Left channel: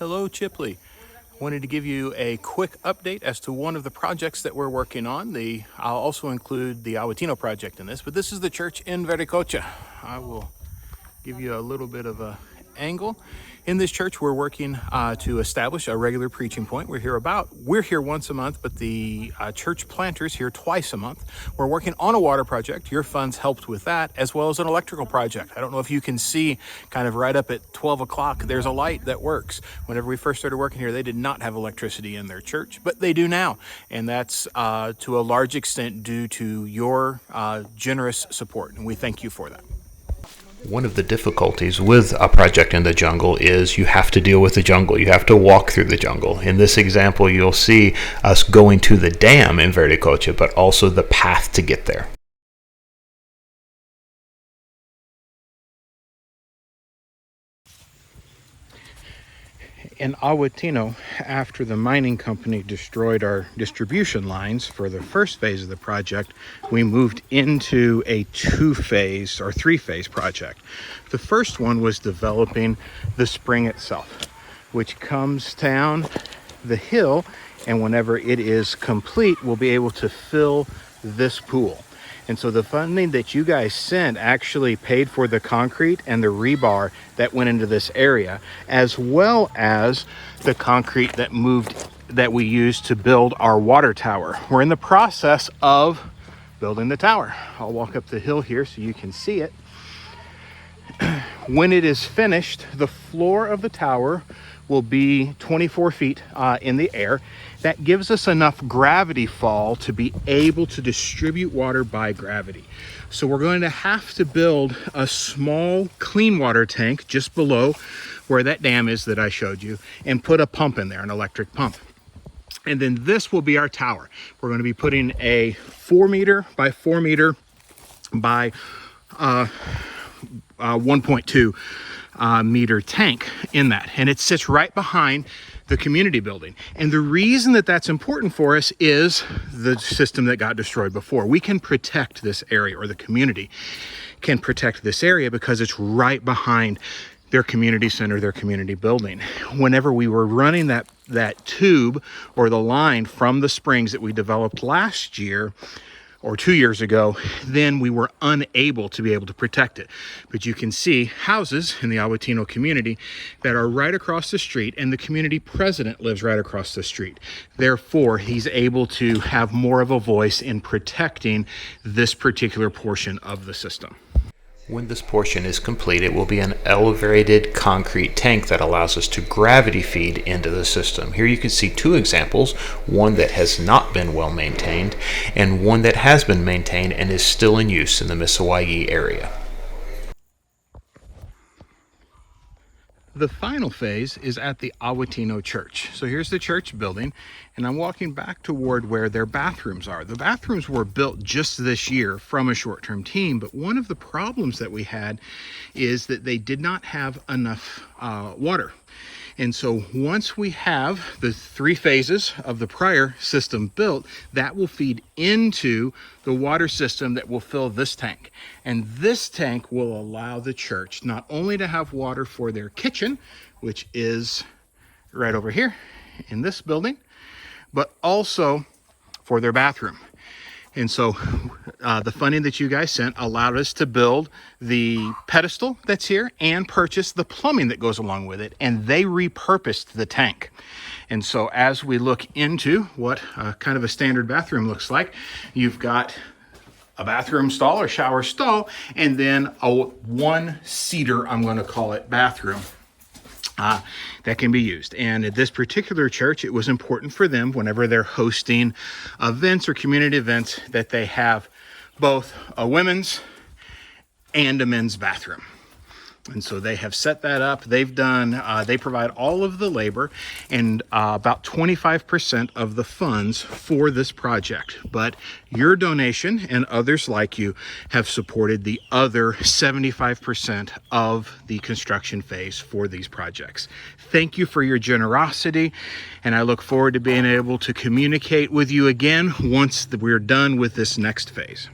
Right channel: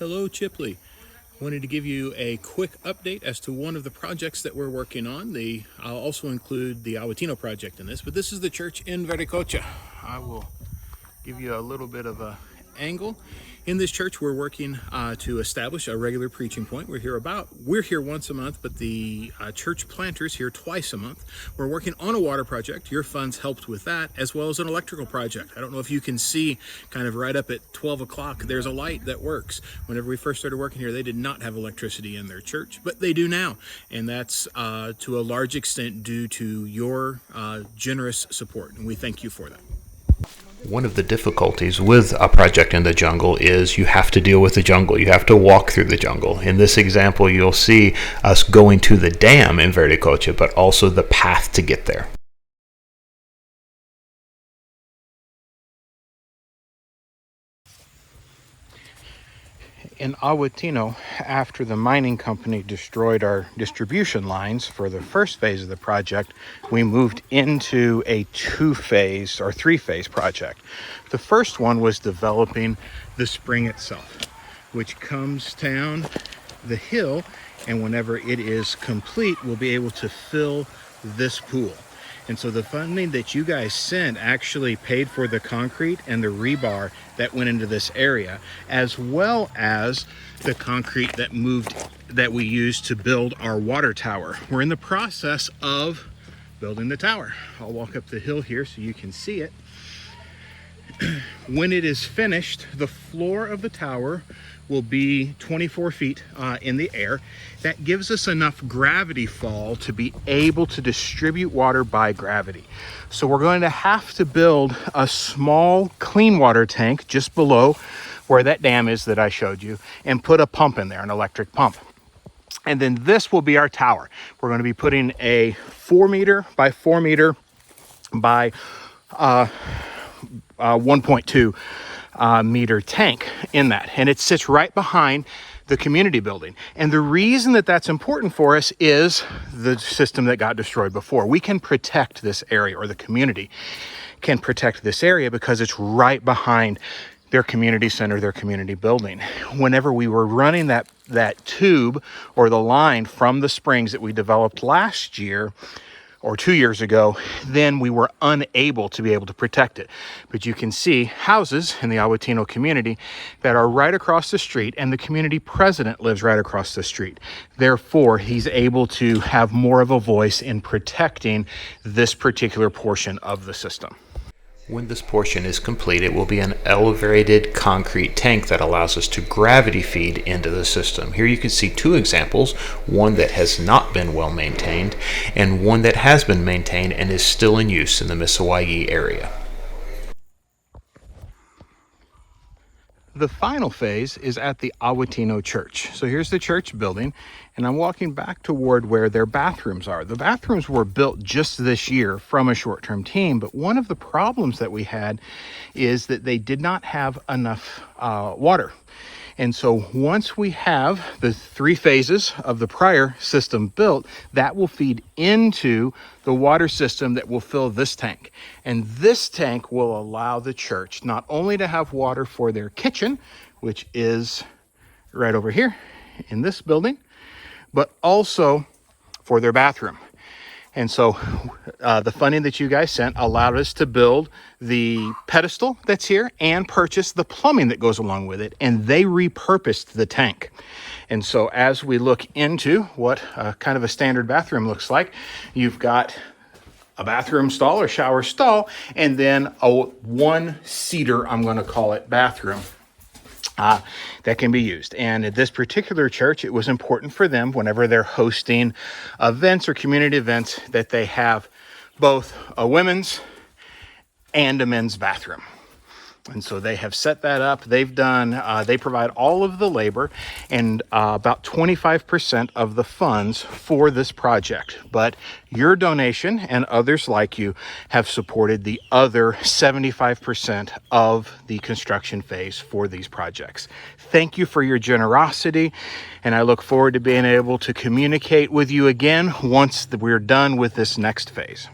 Hello, Chipley. Wanted to give you a quick update as to one of the projects that we're working on. I'll also include the Awatino project in this, but this is the church in Vericocha. I will give you a little bit of a angle. In this church, we're working to establish a regular preaching point. We're here once a month, but the church planters here twice a month. We're working on a water project. Your funds helped with that, as well as an electrical project. I don't know if you can see kind of right up at 12 o'clock, there's a light that works. Whenever we first started working here, they did not have electricity in their church, but they do now. And that's to a large extent due to your generous support. And we thank you for that. One of the difficulties with a project in the jungle is you have to deal with the jungle. You have to walk through the jungle. In this example, you'll see us going to the dam in Vericocha, but also the path to get there. In Awatino, after the mining company destroyed our distribution lines for the first phase of the project, we moved into a three-phase project. The first one was developing the spring itself, which comes down the hill, and whenever it is complete, we'll be able to fill this pool. And so the funding that you guys sent actually paid for the concrete and the rebar that went into this area, as well as the concrete that we used to build our water tower. We're in the process of building the tower. I'll walk up the hill here so you can see it. When it is finished, the floor of the tower will be 24 feet in the air. That gives us enough gravity fall to be able to distribute water by gravity. So we're going to have to build a small clean water tank just below where that dam is that I showed you, and put a pump in there, an electric pump. And then this will be our tower. We're going to be putting a 4 meter by 4 meter by 1.2 meter tank in that, and it sits right behind the community building. And the reason that that's important for us is the system that got destroyed before. We can protect this area, or the community can protect this area, because it's right behind their community center, their community building. Whenever we were running that tube or the line from the springs that we developed last year or 2 years ago, then we were unable to be able to protect it. But you can see houses in the Awatino community that are right across the street, and the community president lives right across the street. Therefore, he's able to have more of a voice in protecting this particular portion of the system. When this portion is complete, it will be an elevated concrete tank that allows us to gravity feed into the system. Here you can see two examples, one that has not been well maintained and one that has been maintained and is still in use in the Misawai area. The final phase is at the Awatino church. So here's the church building, and I'm walking back toward where their bathrooms are. The bathrooms were built just this year from a short-term team, but one of the problems that we had is that they did not have enough water. And so once we have the 3 phases of the prior system built, that will feed into the water system that will fill this tank. And this tank will allow the church not only to have water for their kitchen, which is right over here in this building, but also for their bathroom. And so the funding that you guys sent allowed us to build the pedestal that's here and purchase the plumbing that goes along with it. And they repurposed the tank. And so as we look into what kind of a standard bathroom looks like, you've got a bathroom stall or shower stall, and then a one-seater, I'm going to call it, bathroom that can be used. And at this particular church, it was important for them, whenever they're hosting events or community events, that they have both a women's and a men's bathroom. And so they have set that up. They've done, they provide all of the labor and about 25% of the funds for this project. But your donation and others like you have supported the other 75% of the construction phase for these projects. Thank you for your generosity, and I look forward to being able to communicate with you again once we're done with this next phase.